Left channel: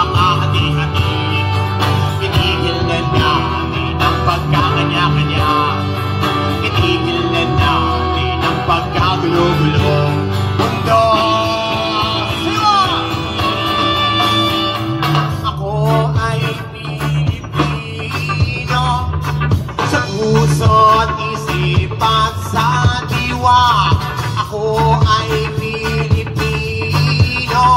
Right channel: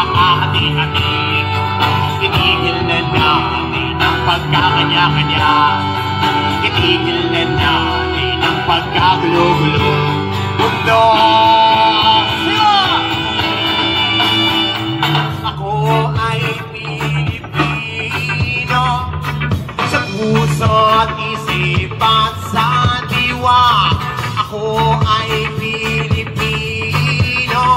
pagkakahati-hati. Itigil na natin ang pagkakanya-kanya. Itigil na natin ang pagkagulo-gulong mundo. Ako ay Pilipino, sa puso at isip at sa diwa. Ako ay Pilipino,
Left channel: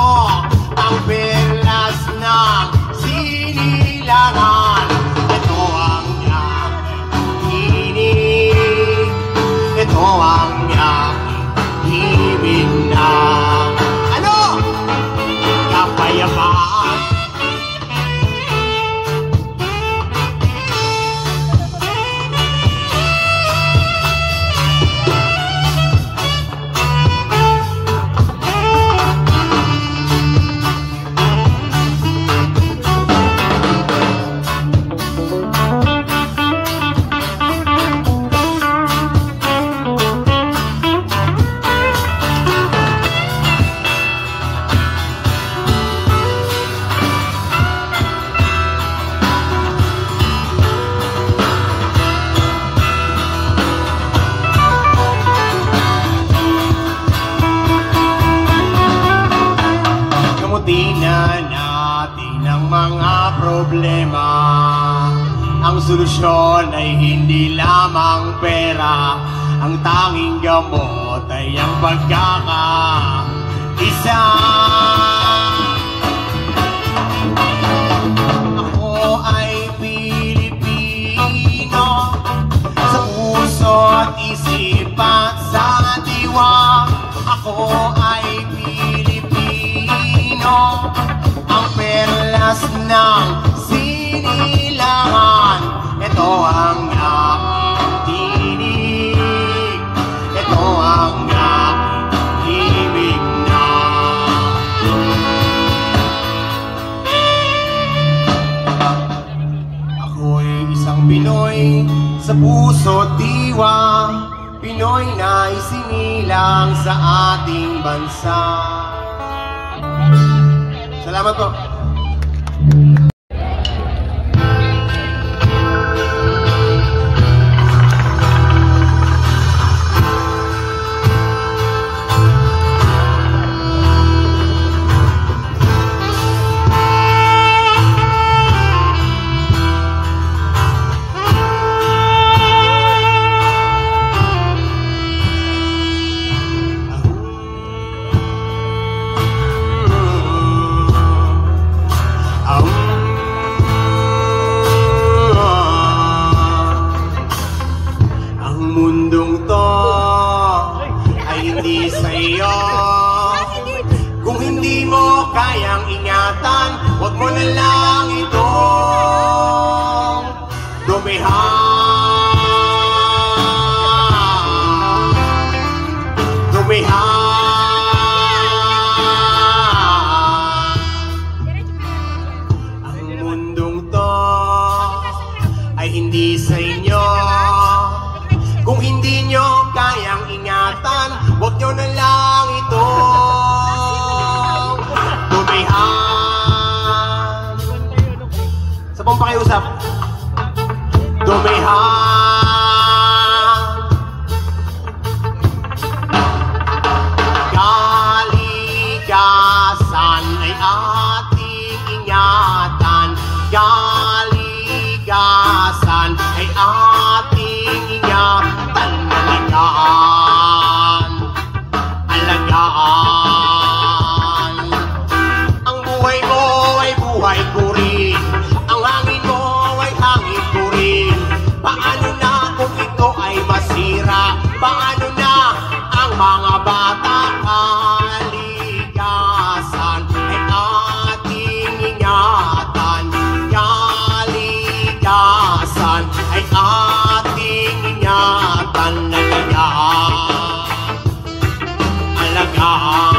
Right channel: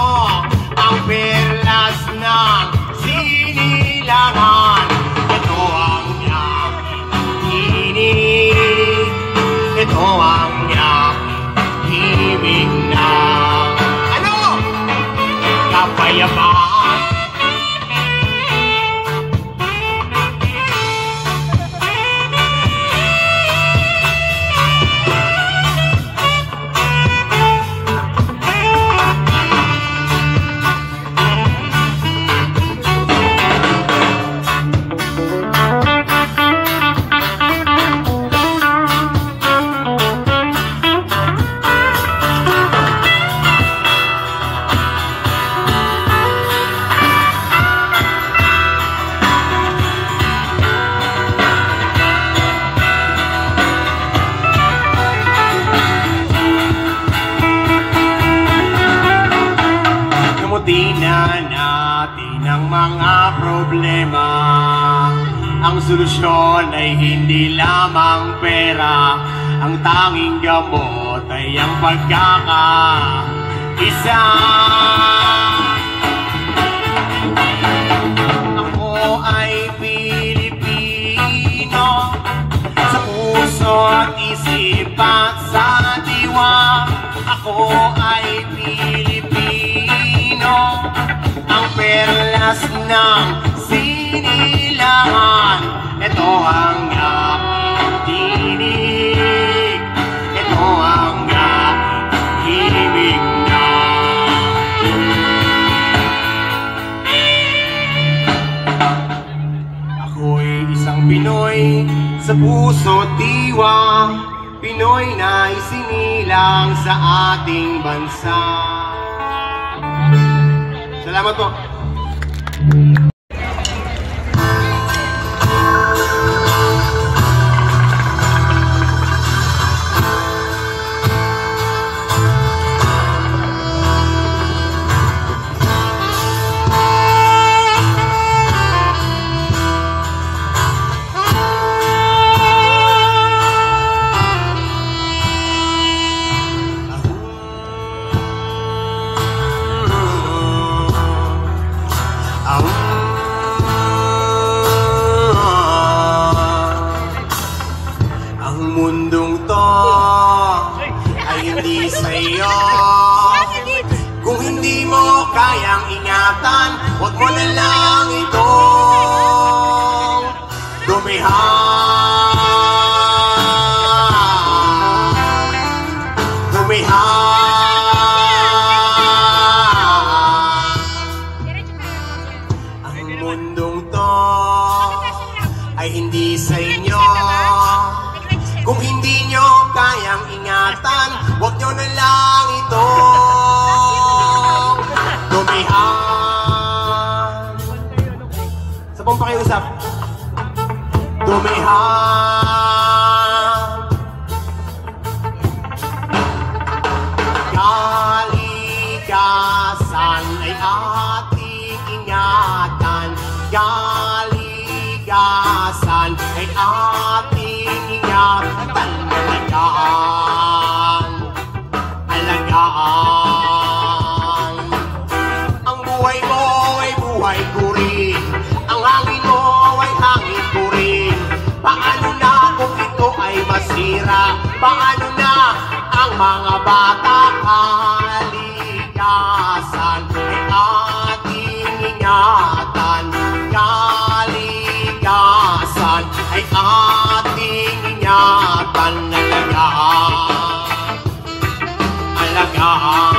ang perlas ng sinilangan. Ito ang aking tinig, ito ang aking himig na kapayapaan. Problema, ang solusyon ay hindi lamang pera, ang tanging gamot ay ang pagkakaisa. Ako ay Pilipino, sa puso at isip at sa diwa. Ako ay Pilipino, ang perlas ng sinilangan. Ito ang aking tinig, ito ang aking himig na. Ako'y isang Pinoy, sa puso't diwa, Pinoy na isinilang sa ating bansa. Salamat po. Huwag mo na lang itong Ang mundong to ay hindi sa inyo. Kung hindi nyo kayang ingatan, huwag nyo na lang itong dumihan. Sa pong pakiusap, dumihan. Kaligasan ay ating ingatan. Kaligasan ay ating ingatan. Alagaan, alagaan. Ang buhay mo ay buhay ko rin. Ang hangin mo ay hangin ko rin. Paano na kung ito ay masira? Paano na ang mga bata? Kaligasan ay ating ingatan. Kaligasan ay ating ingatan. Alagaan, alagaan.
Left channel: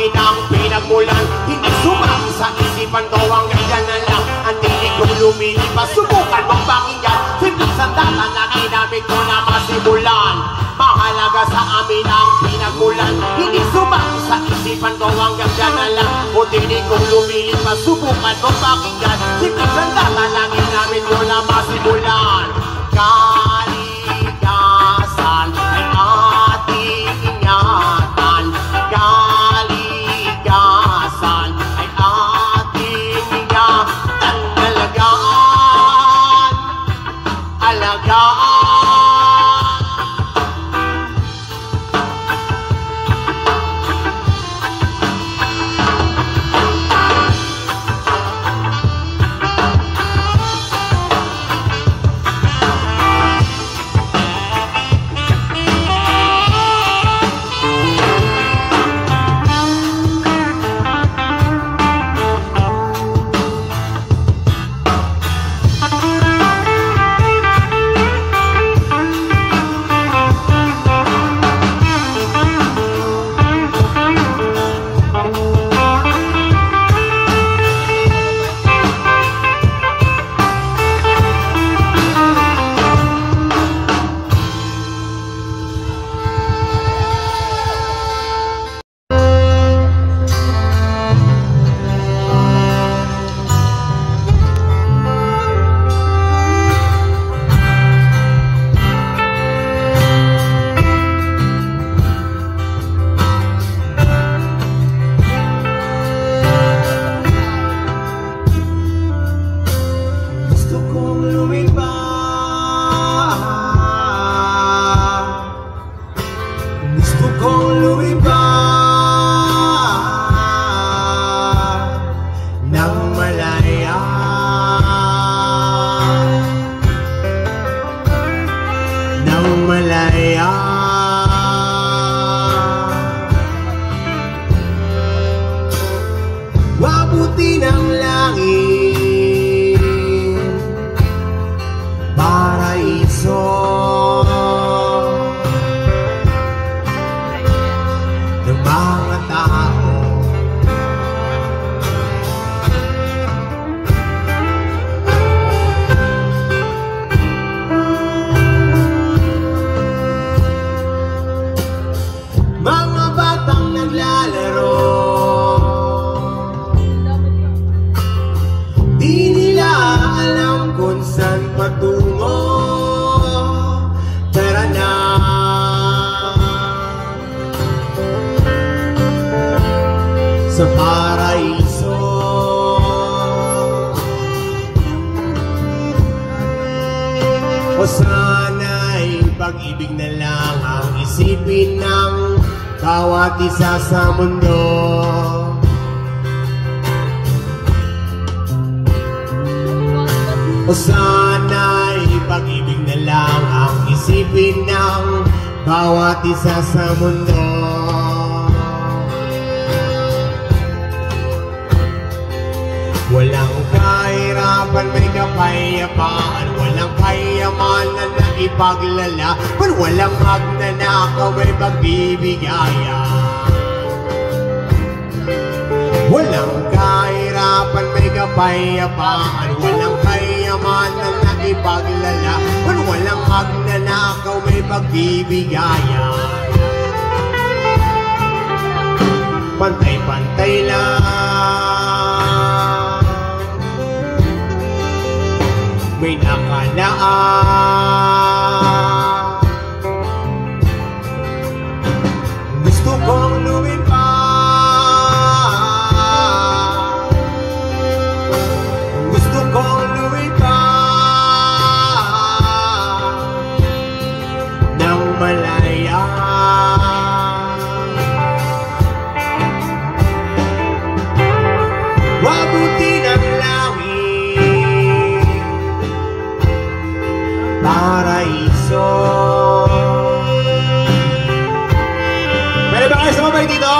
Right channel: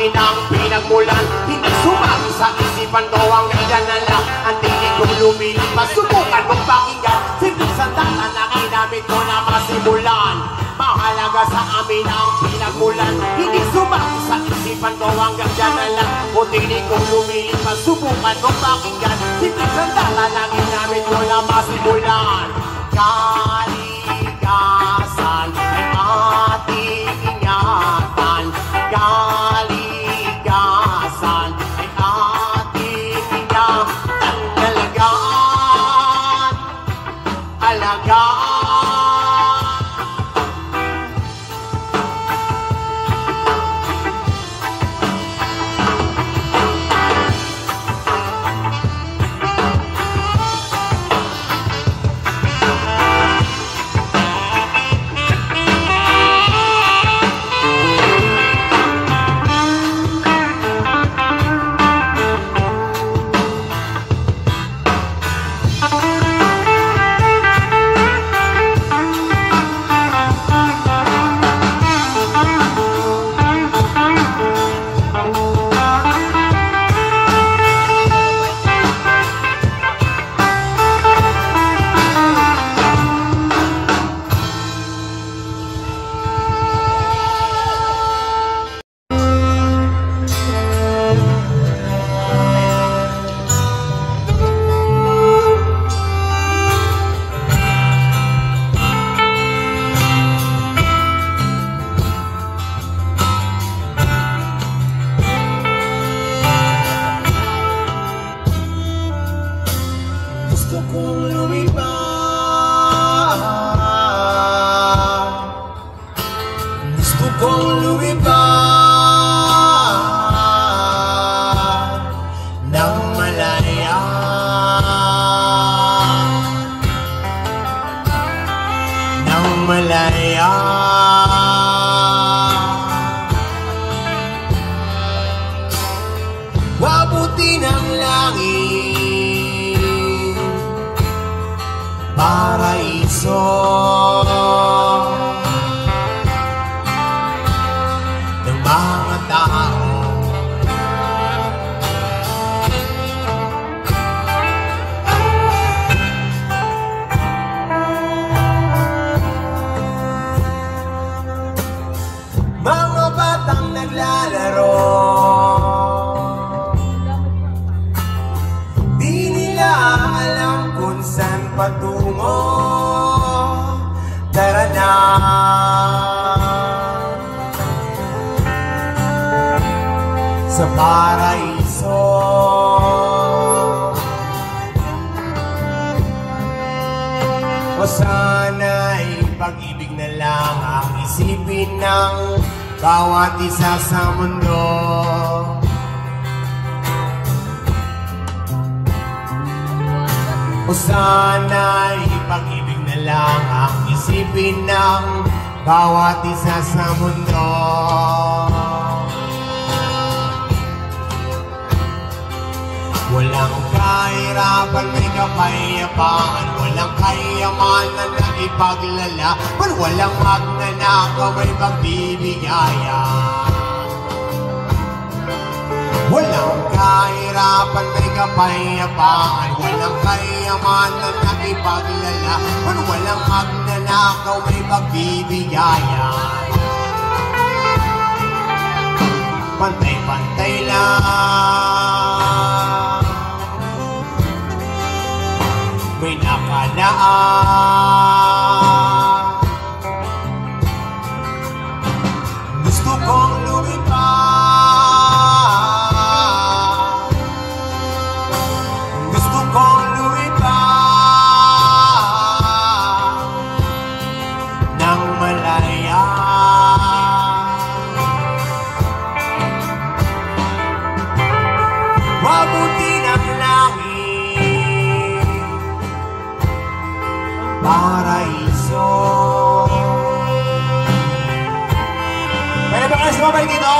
akin ang pinagmulan. Hindi sumali sa isipan ko ang ganyan na lang. Ang tinig kong lumilipas, subukan mong pakinggan. Sige sa tala na ginamit ko na masimulan. Mahalaga sa amin ang pinagmulan. Hindi sumali sa isipan ko ang ganyan na lang. O tinig kong lumilipas, subukan mong pakinggan. Sige sa tala na ginamit ko na masimulan. bawat isa sa mundo. O sana'y pag-ibig na lang ang isipin ng bawat isa sa mundo. Walang kahirapan, may kapayapaan. Walang kayamanan na ipaglalaban. Walang magnanakaw, may pagbibigaya. Walang kahirapan, may kapayapaan. Walang kayamanan na ipaglalaban. Walang magnanakaw, may pagbibigaya. Pantay-pantay lang, may nakalaan. Gusto kong lumipad, gusto kong lumipad nang malaya. Mabuti ng langit, paraiso. Pwede ba kayo sumabay dito?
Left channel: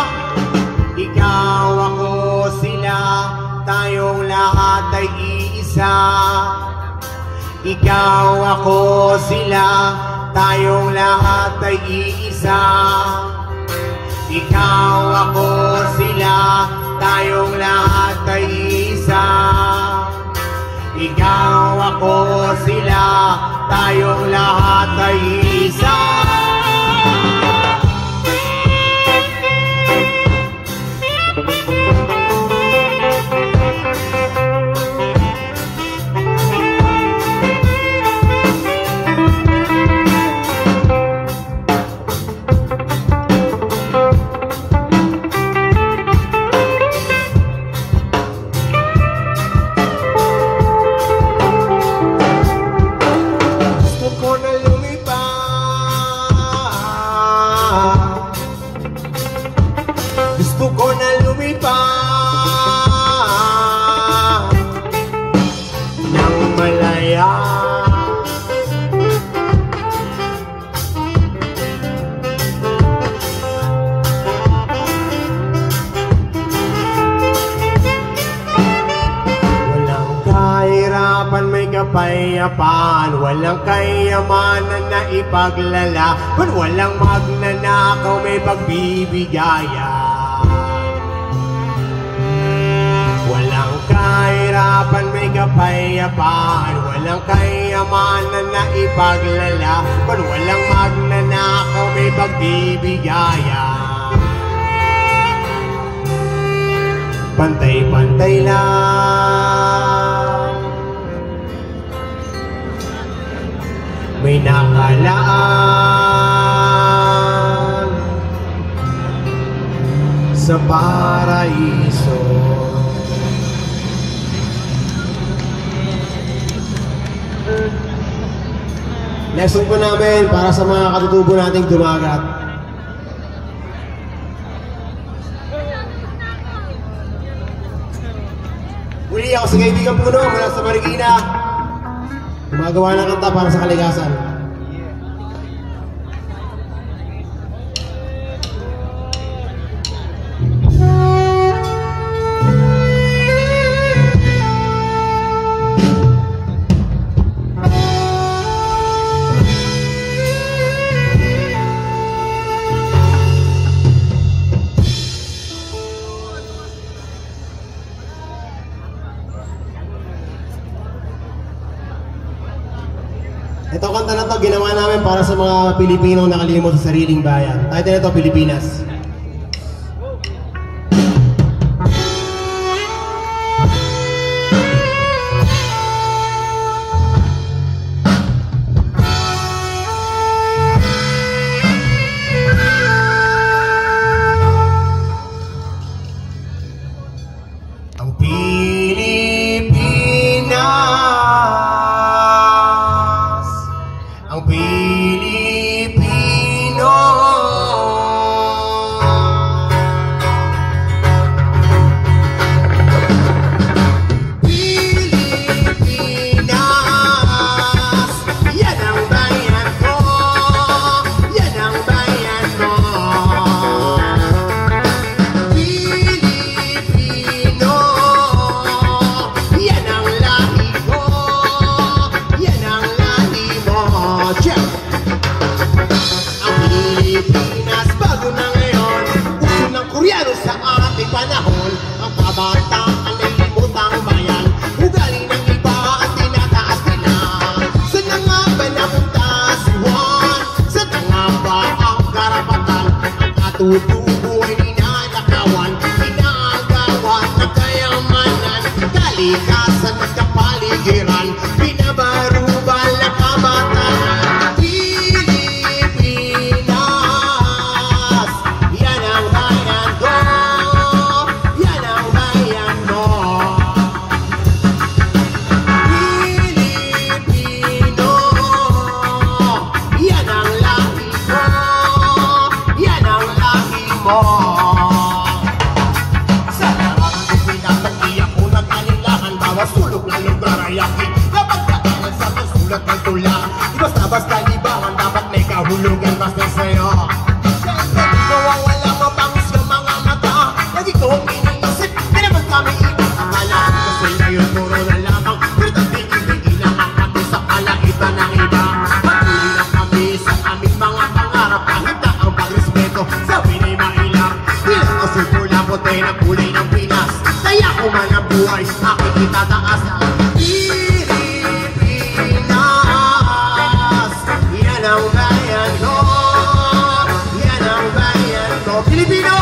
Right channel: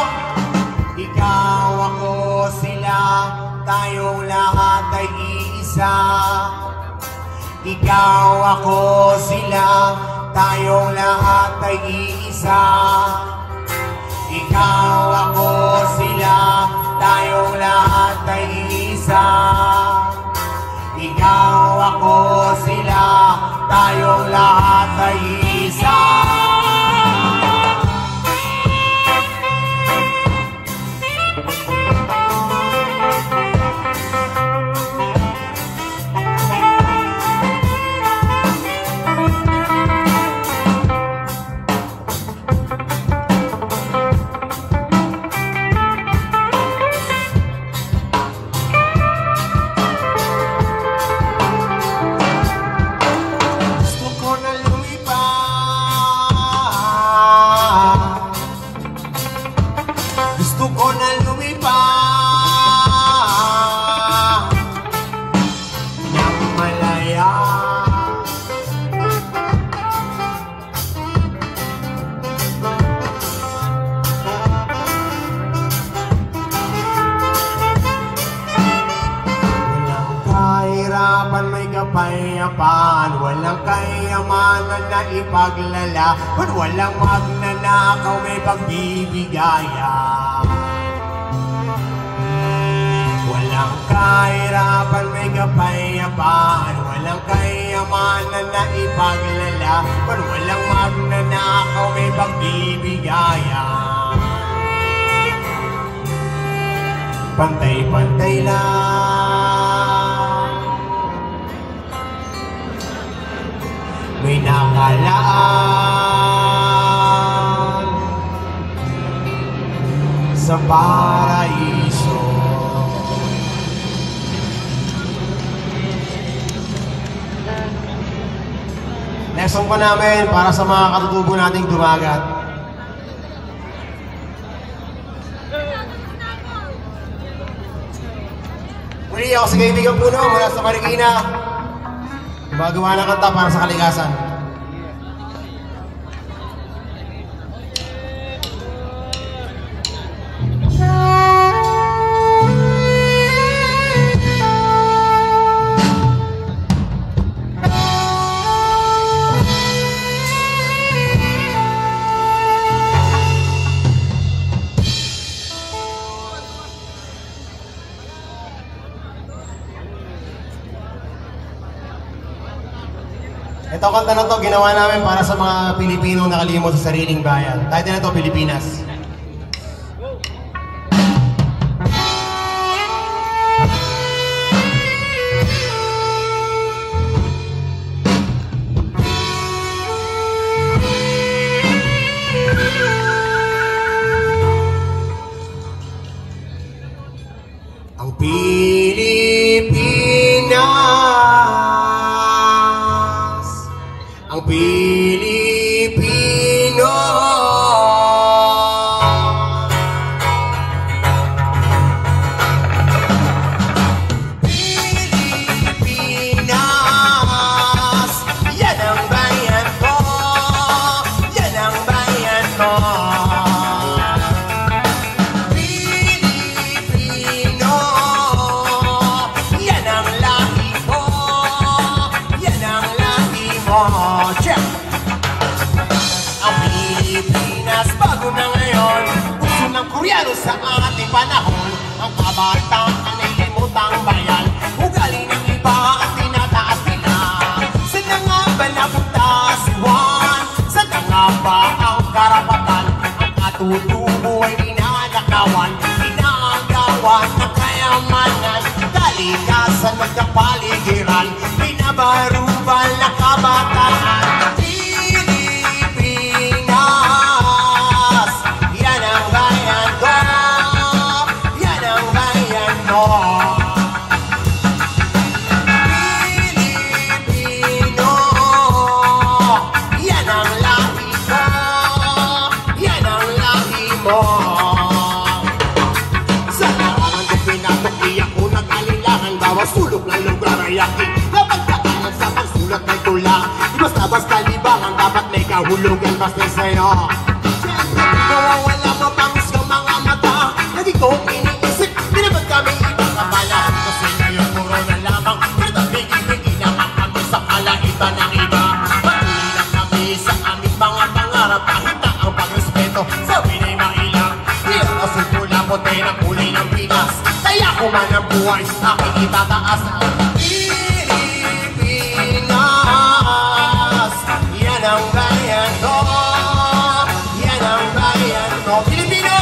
Ikaw, ako, sila, tayong lahat ay iisa. Ikaw, ako, sila, tayong lahat ay iisa. Ikaw, ako, sila. gusto ko na lumipad nang malaya. Walang kahirapan, may kapayapaan, walang kayamanan na ipaglalaban, walang magnanakaw, may pagbibigayan. Walang kahirapan, may kapayapaan, walang kayamanan na ipaglalaban, walang magnanakaw, may pagbibigayan. Pantay-pantay lang, may nakalaan sa paraiso. Lesson po namin para sa mga katutubo nating dumagat. Muli ako si Kaibigan Puno mula sa Marikina. Gumagawa ng kanta para sa kalikasan. Ito kanta na to, ginawa namin para sa mga Pilipinong nakalimot sa sariling bayan. Title na to, Pilipinas. Ang Pilipinas, ang Pilipino, Pilipinas, yan ang bayan ko, yan ang bayan ko. Pilipino, yan ang lahi ko, yan ang lahi mo. Check! Ang Pilipinas bago na ngayon, gusto ng Koreano sa ating panahon. Ang kabataan ay limutang bayan, ugali ng iba at tinataas nila. Saan na nga ba napunta si Juan? Saan na nga ba ang karapatan? Ang katutubo ay ninanakawan, inaagawan ng kayamanan, kalikasan at kapaligiran, pinabarubal na kabataan. Pilipinas, yan ang bayan ko, yan ang bayan ko. Pilipino, yan ang lahi ko, yan ang lahi mo. Sa nararamdaman pinatong iyak ko nag-alilangan, bawat sulok ng lugar ay aking kapag katangan sa pagsulat ng tula. Di basta-basta libangan, dapat may kahulugan kasi sa'yo. Siyempre di ko wala mapangis ng mga mata, na di ko iniisip, di naman kami ipapabala. Kasi ngayon puro na lamang, pero tabigin-bigin na kami sa kalangitan ng ina. Patuloy lang kami sa aming mga pangarap, kahit na ang pagrespeto sa pinay mailang. Hirap kasi pula puti na kulay ng Pinas, kaya ko man ang buhay, aking itataas. Pilipinas, yan ang bayan ko, yan ang bayan ko. Pilipino!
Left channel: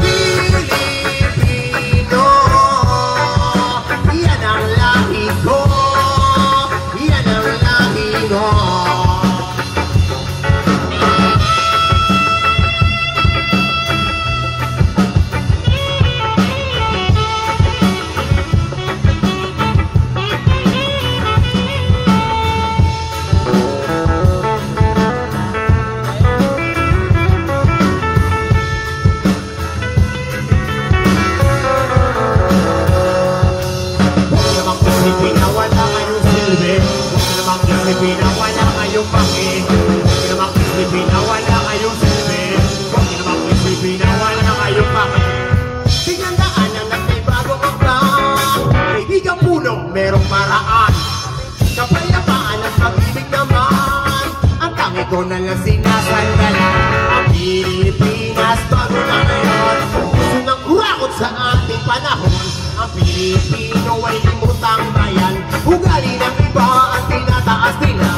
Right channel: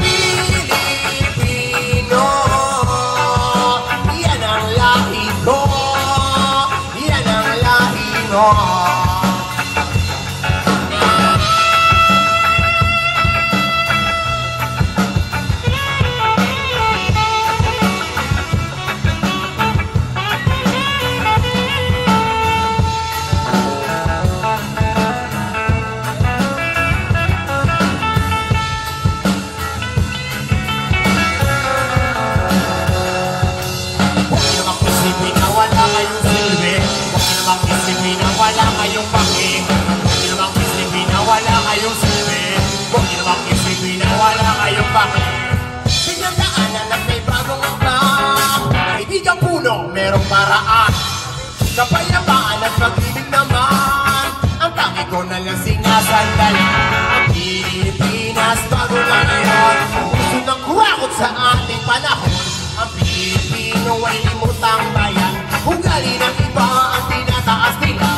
Pilipino, yan ang lahi ko, yan ang lahi mo. ko na lang sinasandan. Ang Pilipinas bago na ngayon, puso ng kurakot sa ating panahon. Ang Pilipino ay limutang bayan, ugali ng iba ang tinataas nila.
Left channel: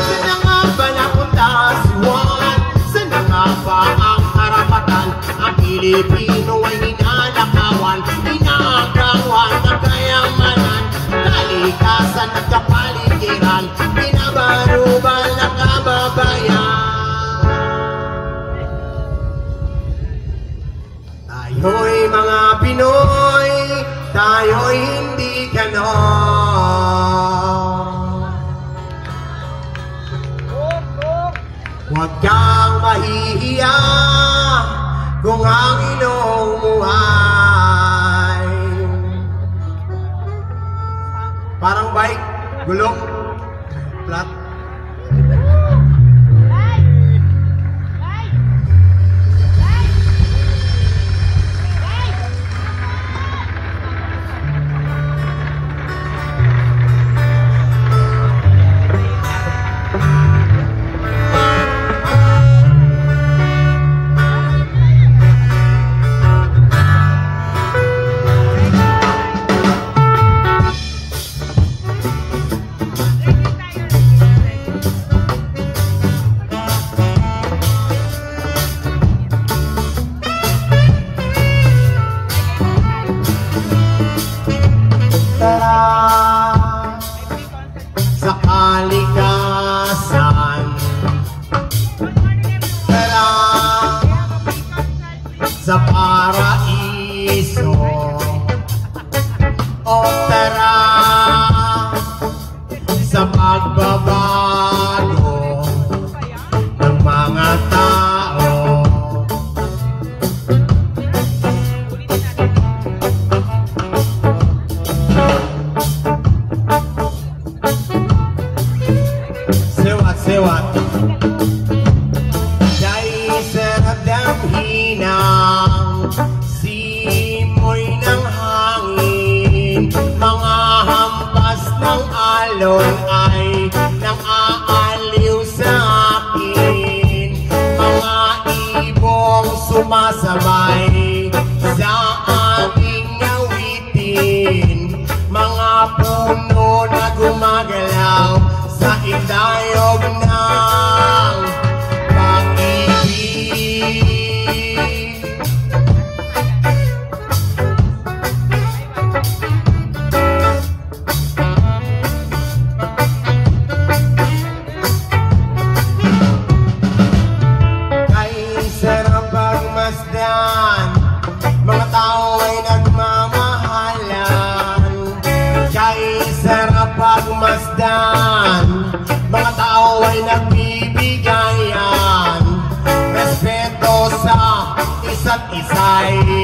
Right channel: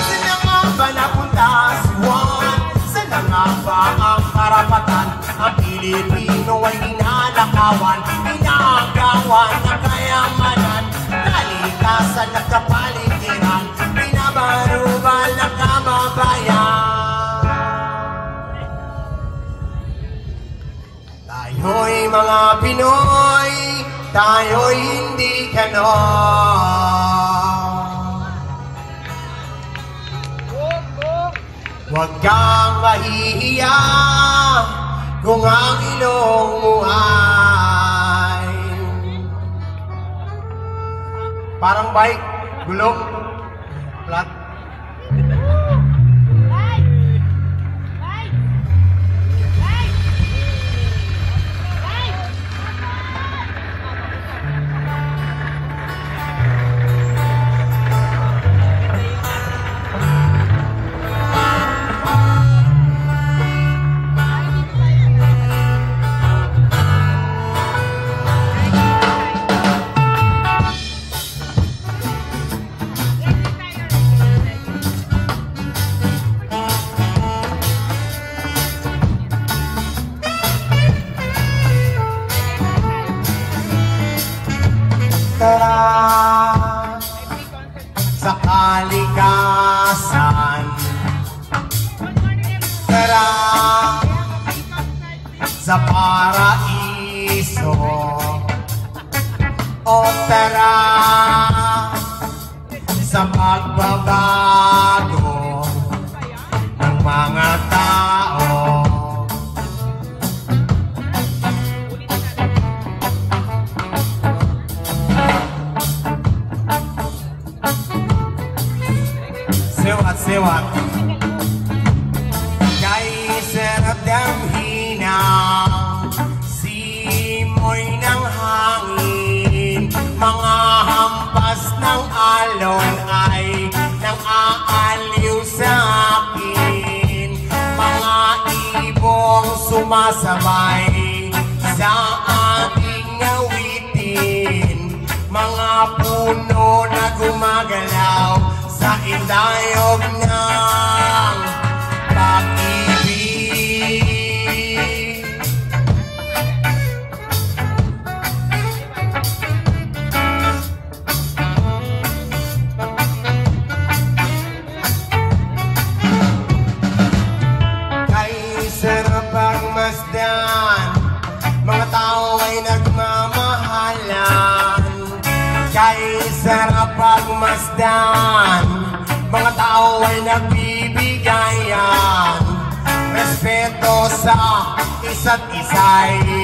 Saan na nga ba napunta si Juan? Saan na nga ba ang karapatan? Ang Pilipino ay ninanakawan, inaagawan ng kayamanan, kalikasan at kapaligiran, binabarubal ng kababayan. Tayo'y mga Pinoy, tayo'y hindi ganon. Huwag kang mahihiya kung ang ilong mo ay parang bike, gulong, flat. Sa kalikasan, tara sa paraiso, o tara sa pagbabago ng mga tao. Siwat kay sarap ng hinang, simoy ng hangin, mga hampas ng alon ay nang-aaliw sa akin, mga ibong sumasabay sa aming awitin, mga puno na gumagalaw sa idayog ng pag-ibig. Kay sarap ang masdan, mga tao ay nagmamahalan. Kay sarap ang masdan, mga tao ay nagbibigayan, respeto sa isa't isa'y